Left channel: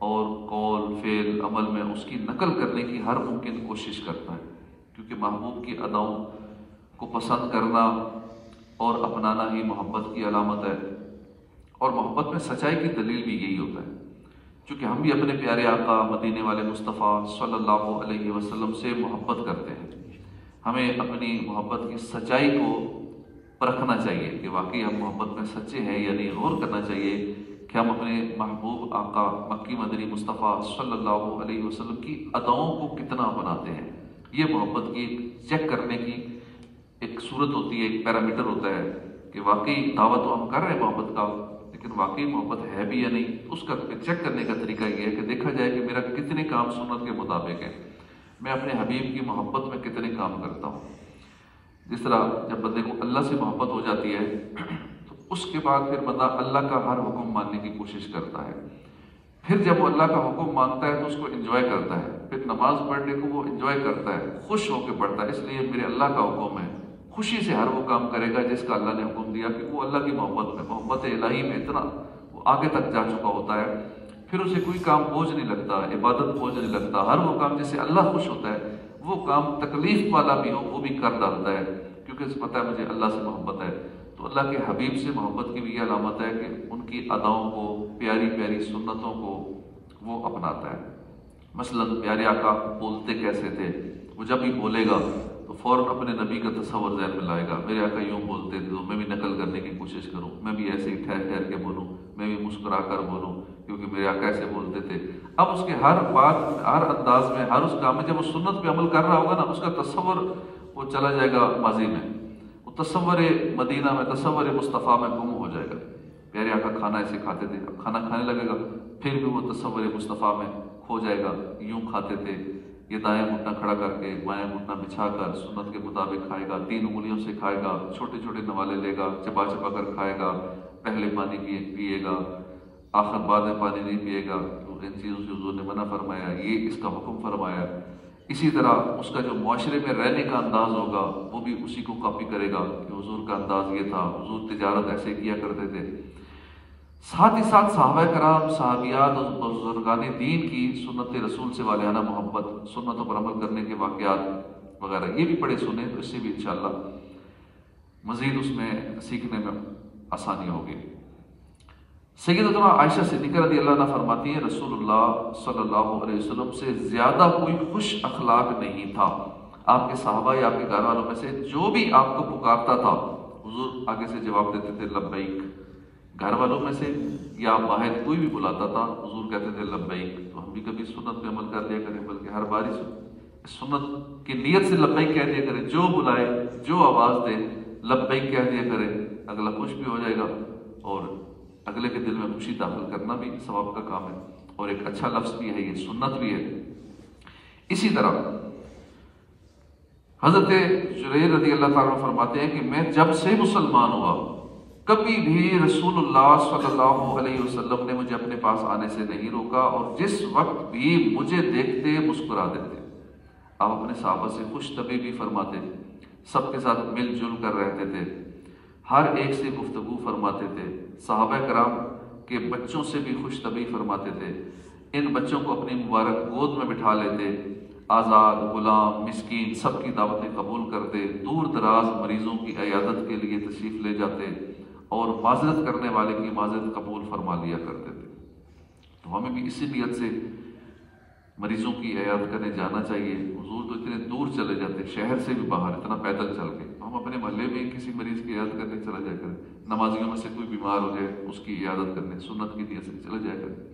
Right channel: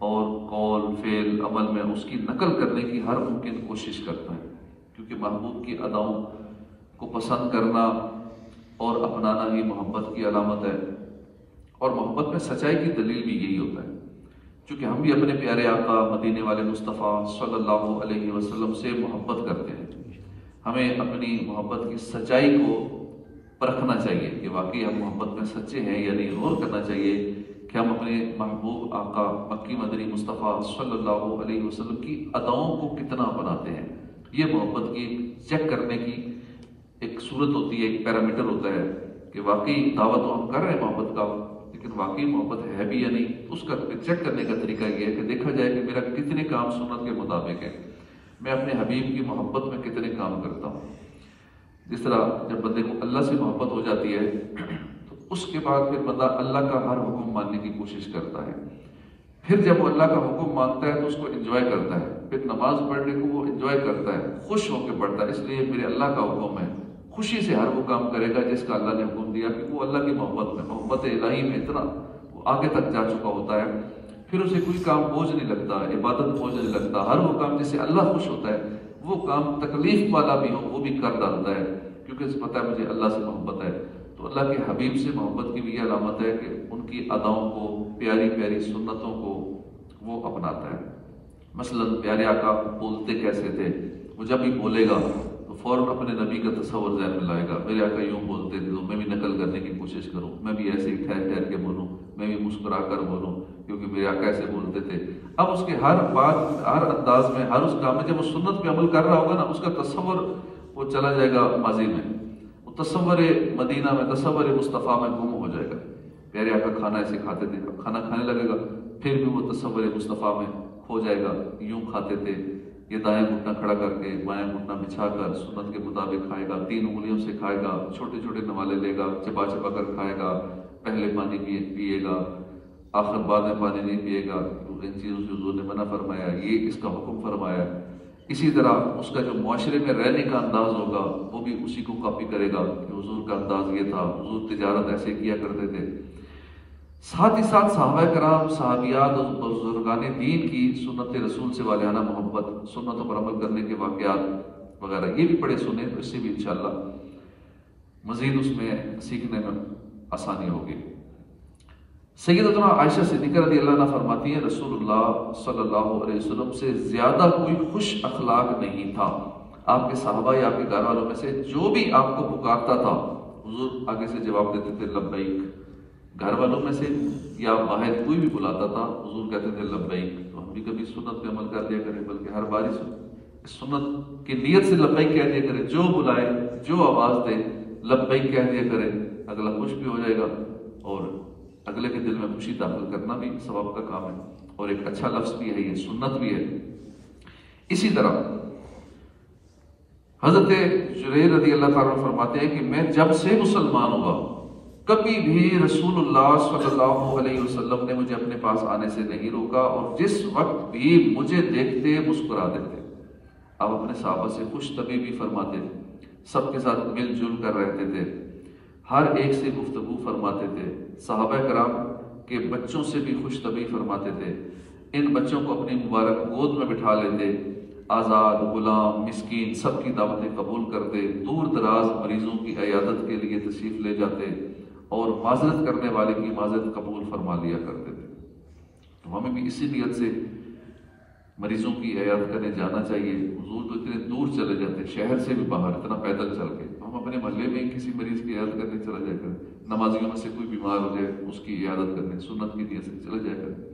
اور قول فعل عمل میں اس کی نقل کرنے کی ہر ممکن کوشش کرتا ہے، کیونکہ محبوب کی اداؤں کو پسند کرنا اور اپنانا ہی محبت کی علامت ہے، اور محبت میں سچائی کی دلیل بھی یہی ہوتا ہے، چونکہ ہم بھی اپنے پیارے آقا مدینے والے مصطفیٰ صلی اللہ علیہ وسلم سے محبت کرتے ہیں۔ ہمیں اپنی محبت کی سچائی کو پرکھنا چاہیے کہ واقعی ہم محبت میں سچے ہیں، یعنی غور کرنا چاہیے کہ ہم اپنے محبوب آقا مکی مدنی مصطفیٰ صلی اللہ علیہ وسلم کی اداؤں کو کتنا اپناتے ہیں۔ یہ محبت کی چیک کرنے کی ایک صورت ہوتی ہے، ایک پیرامیٹر ہوتا ہے کہ واقعی دعوت تو ہم کر رہے ہیں محبت کا، لیکن واقعی محبت ہے بھی یا نہیں۔ اس کا چیک کرنے کا طریقہ یہ ہے کہ دیکھا جائے کہ میرا کتنے کام سنت کے مطابق ہے، میں اپنے حبیب کی محبت میں کتنے کام کرتا ہوں۔ جس طرح جب بندے کو اللہ سے محبت ہو جاتی ہے تو اس کے بعد پھر بندہ اللہ کا ہر حکم ماننے کی کوشش کرتا ہے، پھر جب وہ اللہ کا حکم مانتا ہے تو اس کو انجوائے کرتا ہے، پھر نماز پڑھنے کو وہ انجوائے کرتا ہے، خوش ہو کے پڑھتا ہے، اس لیے میرے اللہ کا حکم ہے، خوشی سے ہر وہ کام کرے گا جس کا اللہ نے حکم دیا، کہ وہ اللہ کی محبت میں، محبت الہی میں اتنا وہ آگے تک جا چکا ہوتا ہے، پھر اسے کوئی کام بوجھ نہیں لگتا، عبادت بوجھ نہیں لگتا، ہر وہ کام جس سے اللہ خوش ہوتا ہے وہ کام تکلیف والا بھی ہو وہ بھی کر ڈالتا ہے، کیونکہ پتہ ہے مجھے اللہ سے محبت ہے۔ تو اللہ کے حبیب سے محبت کی بھی یہ علامت ہے کہ ان کی اداؤں کو، پیاری پیاری سنتوں کو وہ اپناتا ہے۔ مثلا پیارے آقا بولتے کیسے تھے، وہ جب بھی بولے گا تو فوراً اپنے نبی کا تصور ذہن میں لائے گا، میرے آقا یوں بولتے تھے تو میں بھی نقل کرنے کی کوشش کروں، میں بھی ایسے ہی ٹھہر ٹھہر کے بولوں، میں بھی مسکرا کر بولوں، کیونکہ میرے آقا ایسے بولتے تھے۔ اب اس کے ہر بات، ہر انداز میں، ہر اس کام میں جب وہ سنت پہ عمل کر رہا ہوگا نا، اس کا تصور وہ چلا جائے گا ماضی میں، وہ تصور مدینہ میں، تصور مصطفیٰ میں گم ہو جائے گا۔ پیارے آقا کھانا ایسے کھاتے تھے، کھانا کھانے لگے گا پھر بھی وہ تصور مصطفیٰ میں کھو جائے گا، یوں کھاتے تھے، یہ دائیں گھٹنا کھڑا کر کے بائیں گھٹنا بچھا کر سنت کے مطابق کھائے گا، 3 انگلیوں سے کھائے گا، چھوٹے چھوٹے نوالے لے گا، چبا چبا کر کھائے گا، پہلے پانی پیے گا، آخر بعد میں پانی نہیں پیے گا، ان چیزوں سے حضور نے منع فرمایا، یہ اس کا حکم فرمایا۔ اسی طرح اس کا جو معاشرے میں رہنے کا انداز ہوگا وہ بھی اسی کو کاپی کرے گا کہ حضور کا انداز یہ تھا، حضور تجارت ایسے کیا کرتے تھے۔ ساتھ ہی ساتھ صحابہ کرام، صحابیات اور بزرگان دین کی سنت رسول سے والہانہ محبت، سنتوں پر عمل کرنے کے واقعات وغیرہ یہ بھی پڑھے سنے، تو اس سے بھی انشاءاللہ مزید اس میں سیکھنے میں آسانی ہوگی۔ سیدتنا عائشہ صدیقہ رضی اللہ عنہ فرماتی ہیں رسول اللہ صلی اللہ علیہ وسلم سے زیادہ کوئی خوش اخلاق نہیں تھا، آپ کے صحابہ یا آپ کے گھر والوں میں سے جو بھی آپ کو پکارتا تھا حضور آگے سے جواب دیتے تھے لبیک، گھر والوں میں سے یا باہر کوئی بھی بلاتا تھا حضور کہتے تھے لبیک۔ تو ہم بھی کبھی سنت پہ عمل کر لیا کریں، بلکہ ہر باری سنت کی نیت سے لبیک کہہ دیا کریں، جو بلائے جو آواز دے لبیک کہہ دیا کریں، اگلا خوش بھی ہو جائے گا اور اگلے کے دل میں خوشی داخل کرنا بھی ثواب کا کام ہے، اور ایک اچھا لفظ بھی ہے، یہ سنت بھی ہے۔ اسی طرح حضرت جریر رضی اللہ تعالیٰ فرماتے ہیں کہ میں جب سے مسلمان ہوا کبھی بھی رسول اللہ صلی اللہ علیہ وسلم نے مجھے اپنے پاس آنے سے نہیں روکا، اور جس وقت بھی مجھے دیکھتے مسکرا دیتے۔ آپ اپنے صحابہ سے خوش طبیعی فرماتے تھے، سب کے ساتھ مل جل کر رہتے تھے، ہر ایک سے گفتگو فرماتے تھے، صحابہ کرام کے بچوں سے بھی خوش طبعی فرماتے تھے، ان بچوں کو اپنی مبارک گود میں بٹھا لیتے، آزاد، غلام، مسکین سب کی دعوتیں قبول کرتے، دور دراز مریضوں کی عیادت کے لیے تشریف لے جاتے اور معذرت کرنے والے کی معذرت قبول فرما لیا کرتے تھے۔ تو ہمیں بھی اسی نیت سے مریضوں کی عیادت کرنے جانا چاہیے۔ حضور تو اتنے دور چلے جاتے، شہر سے بھی باہر، اتنا پیدل چل کے، ہم اپنے محلے میں کسی مریض کی عیادت کرنے چلا جائے کریں، نمازیوں میں سے کوئی بیمار ہو جائے اس کی عیادت کرنے سنت کی نیت سے چلا جائے کریں۔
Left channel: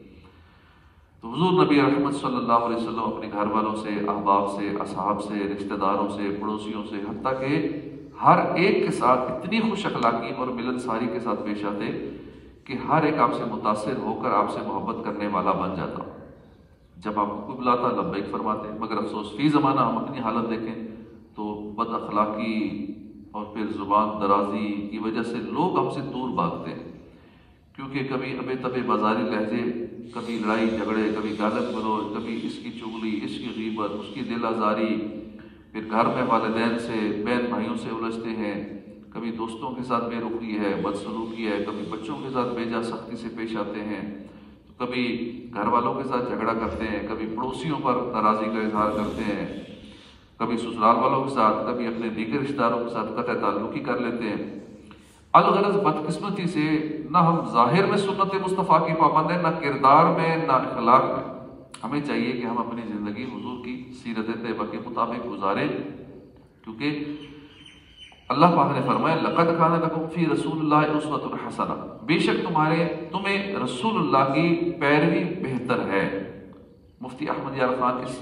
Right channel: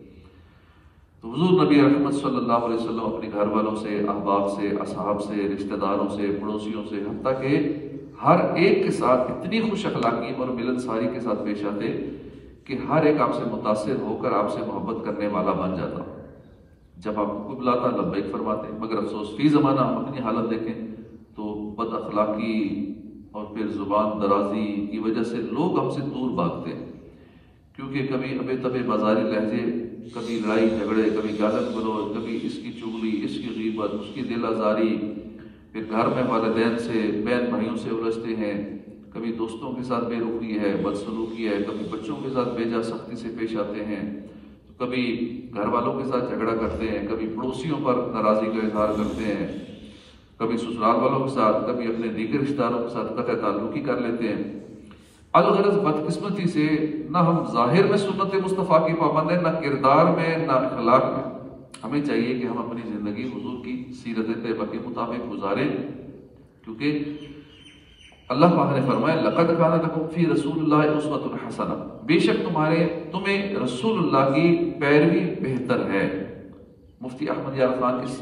تو حضور نبی رحمت صلی اللہ علیہ وسلم اپنے گھر والوں سے، احباب سے، اصحاب سے، رشتہ داروں سے، پڑوسیوں سے، حتیٰ کہ ہر ایک کے ساتھ اتنی خوش اخلاقی اور ملنساری کے ساتھ پیش آتے کہ ہر ایک آپ سے متاثر ہو کر آپ سے محبت کرنے والا بن جاتا۔ جب آپ کو بلاتا لبیک فرماتے، مگر افسوس فی زمانہ ہم اپنی حالت دیکھیں تو بد اخلاقی اور پھر زبان درازی کی وجہ سے لوگ ہم سے دور بھاگتے ہیں، کیونکہ کبھی ابے تبے بازاری لہجے، کبھی لڑائی جھگڑے، کبھی گالت گلوچ، کبھی اس کی چغلی، اس کی غیبت، اس کی دل آزاری، پھر گھر میں والدین سے، بہن بھائیوں سے الجھتے ہیں، کبھی دوستوں کے ساتھ بے رخی ہے، بدسلوکی ہے، کبھی بچوں کے ساتھ بیجا سختی سے پیش آتے ہیں۔ کبھی گھر والوں کے ساتھ جھگڑا کرتے ہیں، کبھی پڑوسیوں پر ناراضی کا اظہار کرتے ہیں، کبھی سسرال والوں کے ساتھ، کبھی اپنے دیگر رشتہ داروں کے ساتھ قطع تعلقی کر لیتے ہیں۔ الغرض بدقسمتی سے نہ ہم ظاہر میں سنت مصطفیٰ کی پابند ہیں، نہ کردار میں، نہ اخلاق میں۔ ہمیں چاہیے کہ ہم اپنی زندگی حضور کی سیرت طیبہ کے مطابق گزاریں، کیونکہ اللہ پاک نے فرمایا لقد کان لکم فی رسول اللہ اسوۃ حسنہ، بے شک تمہیں رسول اللہ کی پیروی بہتر ہے۔ مفتی احمد یار خان اس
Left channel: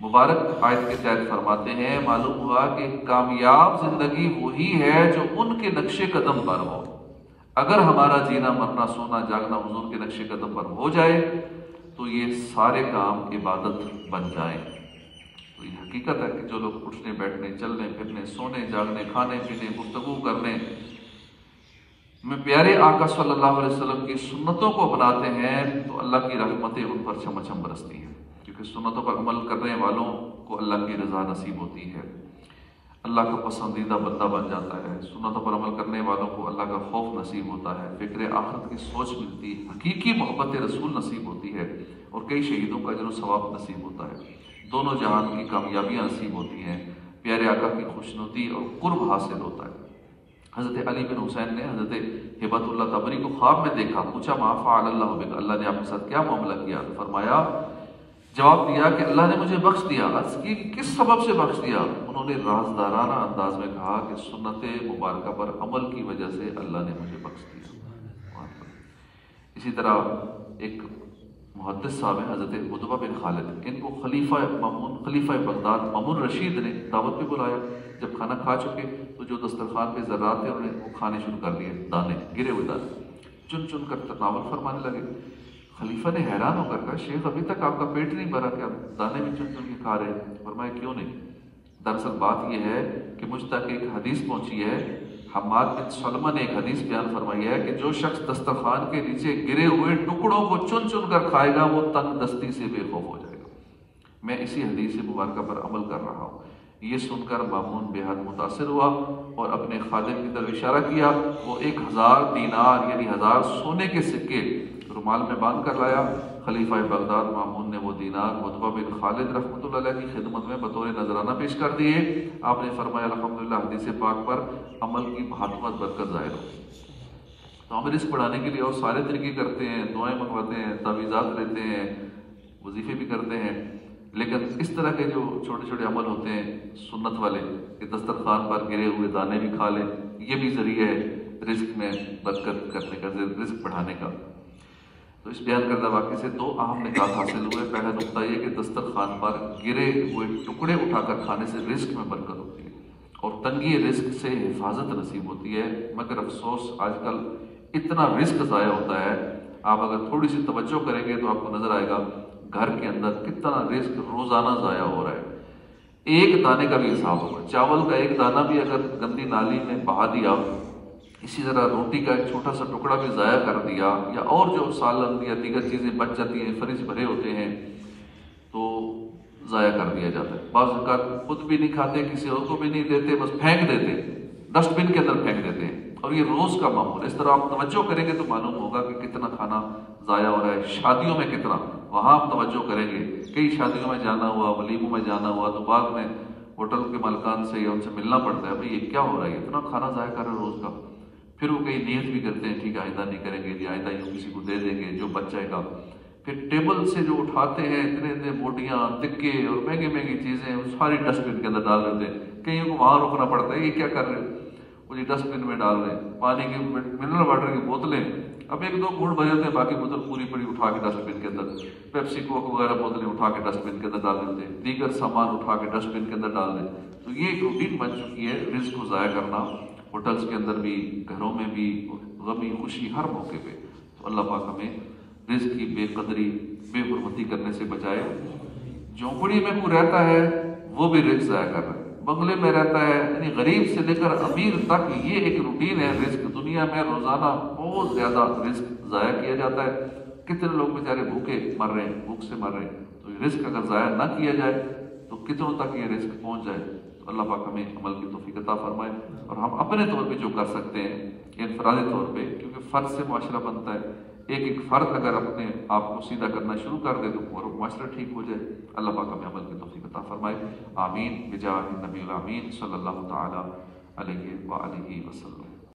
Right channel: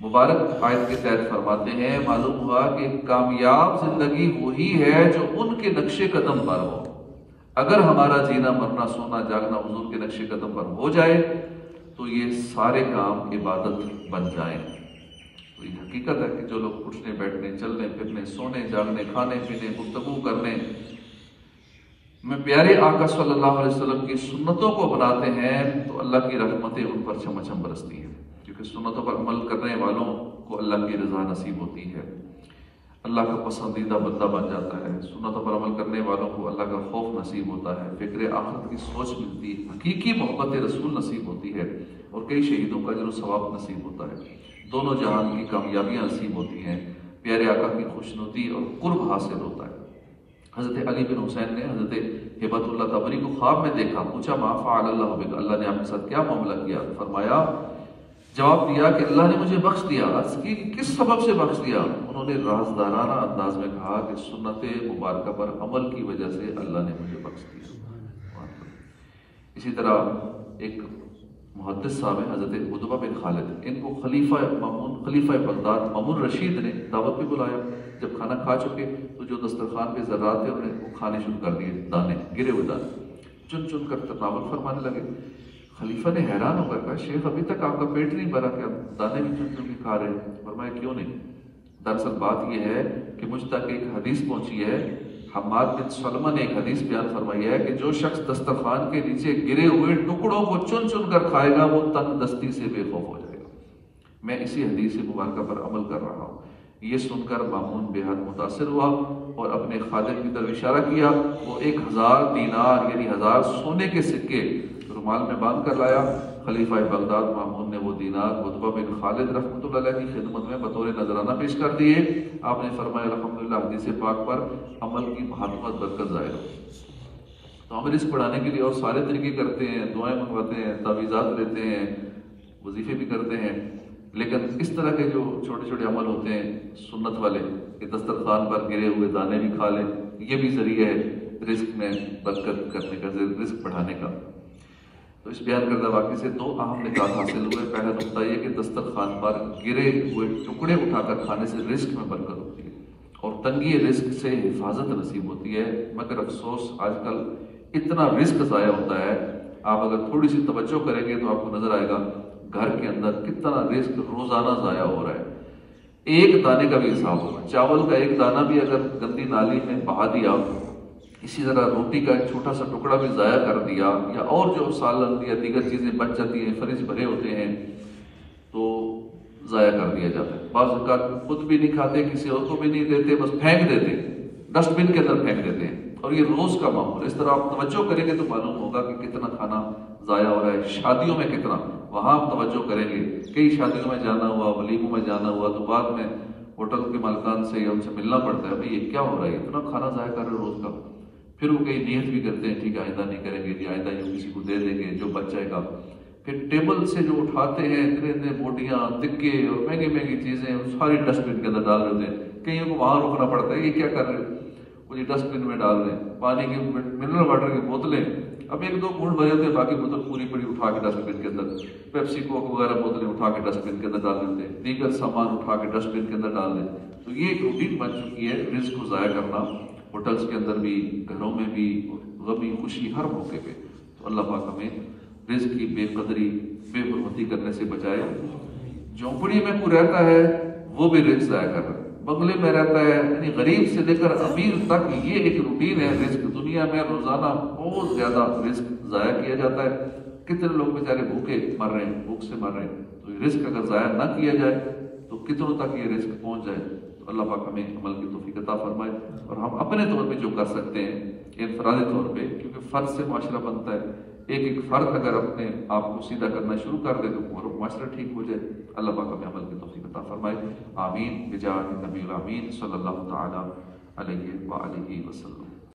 مبارک آیت کے تحت فرماتے ہیں معلوم ہوا کہ کامیاب زندگی وہی ہے جو ان کے نقش قدم پر ہو۔ اگر ہمارا جینا مرنا سونا جاگنا حضور کے نقش قدم پر ہو جائے تو یہ سارے کام عبادت بن جائیں۔ تو یہ حقیقت ہے کہ جو لوگ اٹھنے بیٹھنے چلنے پھرنے سونے جاگنے کھانے پینے گفتگو کرنے میں پیارے آقا صلی اللہ علیہ وسلم کی سنتوں کو اپناتے ہیں تو اللہ کی رحمتیں ان پر چھم چھم برستی ہیں، کیونکہ سنتوں پر عمل کرنے والوں کو اللہ کی رضا نصیب ہوتی ہے، اللہ کا پسندیدہ بندہ بن جاتا ہے۔ سنتوں پر عمل کرنے والوں کو اللہ کا خوف نصیب ہوتا ہے، فکر آخرت کی سوچ ملتی ہے، حقیقی محبت رسول نصیب ہوتی ہے، اور کئی شہیدوں کا اجر و ثواب نصیب ہوتا ہے، دونوں جہان کی کامیابیاں نصیب ہوتی ہیں، پیارے آقا کی خوشنودی اور قرب حاصل ہوتا ہے۔ حضرت علی بن حسین نے حضرت ہبت اللہ تبری کو خواب میں دیکھا، پوچھا ما فعل اللہ بک، اللہ نے آپ کے ساتھ کیا معاملہ کیا؟ فرمایا، جواب دیا کہ اللہ نے مجھے بخش دیا۔ عرض کی کہ کس سبب سے بخش دیا؟ انہوں نے رازدارانہ انداز میں کہا کہ سنت مبارکہ پر عمل کی وجہ سے اللہ نے مجھے بخش دیا۔ اسی طرح ایک محدث صاحب ہیں حضرت عتبہ بن خالد، ان کو خلیفہ بغداد مامون رشید نے دعوت پہ بلایا۔ جب کھانا کھا چکے تو جو دسترخوان پہ ذرات تھے انہیں وہ کھانے شروع کر دیے، دانے گرے ہوئے دانے چن چن کر تناول فرمانے لگے۔ خلیفہ نے حیران ہو کر کہا شیخ ابھی تک آپ کا پیٹ نہیں بھرا کہ آپ دانے بھی چن چن کے کھا رہے ہیں؟ فرمایا کیوں نہیں؟ دراصل بات یہ ہے کہ مجھ تک ایک حدیث پہنچی ہے، حماد بن سلمہ نے ایک حدیث بیان فرمائی ہے کہ جو شخص دسترخوان کے نیچے گرے ہوئے ٹکڑوں کو چن چن کر کھائے گا وہ تنگ دستی سے بے خوف ہو جائے گا۔ میں اسی حدیث مبارکہ پر عمل کر رہا ہوں۔ یہ سن کر مامون بے حد متاثر ہوا اور اپنے خادم کی طرف اشارہ کیا، وہ 1000 دینار یعنی 1000 سونے کے سکے رومال میں باندھ کر لایا۔ خلیفہ بغداد مامون نے وہ دینار عتبہ بن خالد رحمۃ اللہ علیہ کی خدمت میں بطور نذرانہ پیش کر دیے۔ آپ نے فرمایا الحمدللہ حدیث پاک پر عمل کی بہت برکت ظاہر ہو۔ تو ہم رزق بڑھانے کے لیے اور سارے طریقے کرتے ہیں، دعائیں منگواتے ہیں، تعویذات لیتے ہیں، وظیفے بھی کرتے ہیں، لیکن اس طرح کے جو چھوٹے چھوٹے عمل ہوتے ہیں سنت والے کہ دسترخوان پر گرے ہوئے دانے بھی کھا لیں، یہ بھی ذریعہ ہے رزق میں برکت کرنے کا، رزق بڑھانے کا۔ تو اس بیان کردہ واقعے سے 2 اہم نکات حاصل ہوئے۔ پہلا نقطہ یہ کہ دسترخوان پر گرے ہوئے ٹکڑے اٹھا کر کھانے سے رزق میں برکت ہوتی ہے اور تنگی رزق سے حفاظت نصیب ہوتی ہے، مگر افسوس آج کل اتنا رزق ضائع ہوتا ہے، آپ اگر تھوڑی سی توجہ کریں گے تو آپ کو نظر آئے گا گھر کے اندر کتنا رزق روزانہ ضائع ہو رہا ہے۔ ایک دانے کا بھی حساب ہوگا، چاول کا ایک دانہ بھی اگر گندی نالی میں بہا دیا، اسی طرح روٹی کا ایک چھوٹا سا ٹکڑا بھی ضائع کر دیا، یا اور جو سالن یا دیگر چیزیں بچ جاتی ہیں، فریج بھرے ہوتے ہیں تو ضائع کر دیا جاتا ہے۔ بعض اوقات خود بھی نہیں کھاتے، کسی اور کو بھی نہیں دیتے، بس پھینک دیتے، ڈسٹ بن کے اندر پھینک دیتے ہیں، اور یہ روز کا معمول ہے۔ اس طرح آپ توجہ کریں گے تو معلوم ہوگا کہ کتنا کھانا ضائع ہو رہا ہے۔ شادیوں میں کتنا، وہاں آپ توجہ کریں گے، کئی شادیوں میں جانا ہوا، ولیموں میں جانا ہوا تو بعد میں ہوٹل کے مالکان سے یا ان سے ملنا پڑتا ہے، بھائی یہ کیا ہو رہا ہے، اتنا کھانا ضائع کر رہے ہیں روز کا۔ پھر وہ کئی نیت بھی کرتے ہیں ٹھیک ہے آئندہ نہیں کریں گے، آئندہ یہ کسی کو دے دیں گے جو بچ جائے گا۔ پھر ٹیبل سے جو اٹھاتے ہیں اتنے بوٹیاں تکے اور مہنگی مہنگی چیزیں ساری ڈسٹ بن کے اندر ڈال دیتے ہیں، کہیں کو وہاں روکنا پڑتا ہے یہ کیا کر رہے ہیں، وہ یہ ڈسٹ بن میں ڈال رہے ہیں۔ پانی کی منرل واٹر کی بوتلیں اب 1-2 گھونٹ بھرے تھے، باقی بوتل پوری پوری اٹھا کے ڈسٹ بن کے اندر، پیپسی کوک وغیرہ بوتلیں اٹھا کے ڈسٹ بن کے اندر ڈال دیتے ہیں، دیگر سامان اٹھا کے ڈسٹ بن کے اندر ڈال دیں۔ تو یہ ایک روٹین بن چکی ہے رزق کو ضائع کرنا، ہوٹلز کے اندر بھی، گھروں میں بھی، غمی خوشی ہر موقع پہ۔ تو اللہ پاک ہمیں رزق کی بے قدری بے حرمتی کرنے سے بچائے۔ جھونپڑی میں کوئی رہتا ہے وہ بھی رزق ضائع کر رہا ہے، بنگلے میں رہتا ہے، یعنی غریب سے لے کر امیر تک یہ ایک روٹین ہے رزق۔ دنیا میں روزانہ بہت زیادہ رزق ضائع کیا جاتا ہے، کتنے لوگ بیچارے بھوکے مر رہے ہیں، بھوک سے مر رہے ہیں۔ تو رزق اگر ضائع نہ کیا جائے تو کتنوں تک یہ رزق پہنچ جائے۔ تو اللہ پاک ہمیں عمل کی توفیق عطا فرمائے، اور ہم اپنے طور پہ جو کر سکتے ہیں انفرادی طور پہ، کیونکہ فرض سے معاشرہ بنتا ہے، ایک ایک فرد اگر اپنے آپ کو سیدھا کرنا شروع کر دے تو پورا معاشرہ ٹھیک ہو جائے۔ اللہ پاک ہمیں عمل کی توفیق عطا فرمائے، آمین بجاہ نبی الامین صلی اللہ تعالی علیہ وآلہ وسلم۔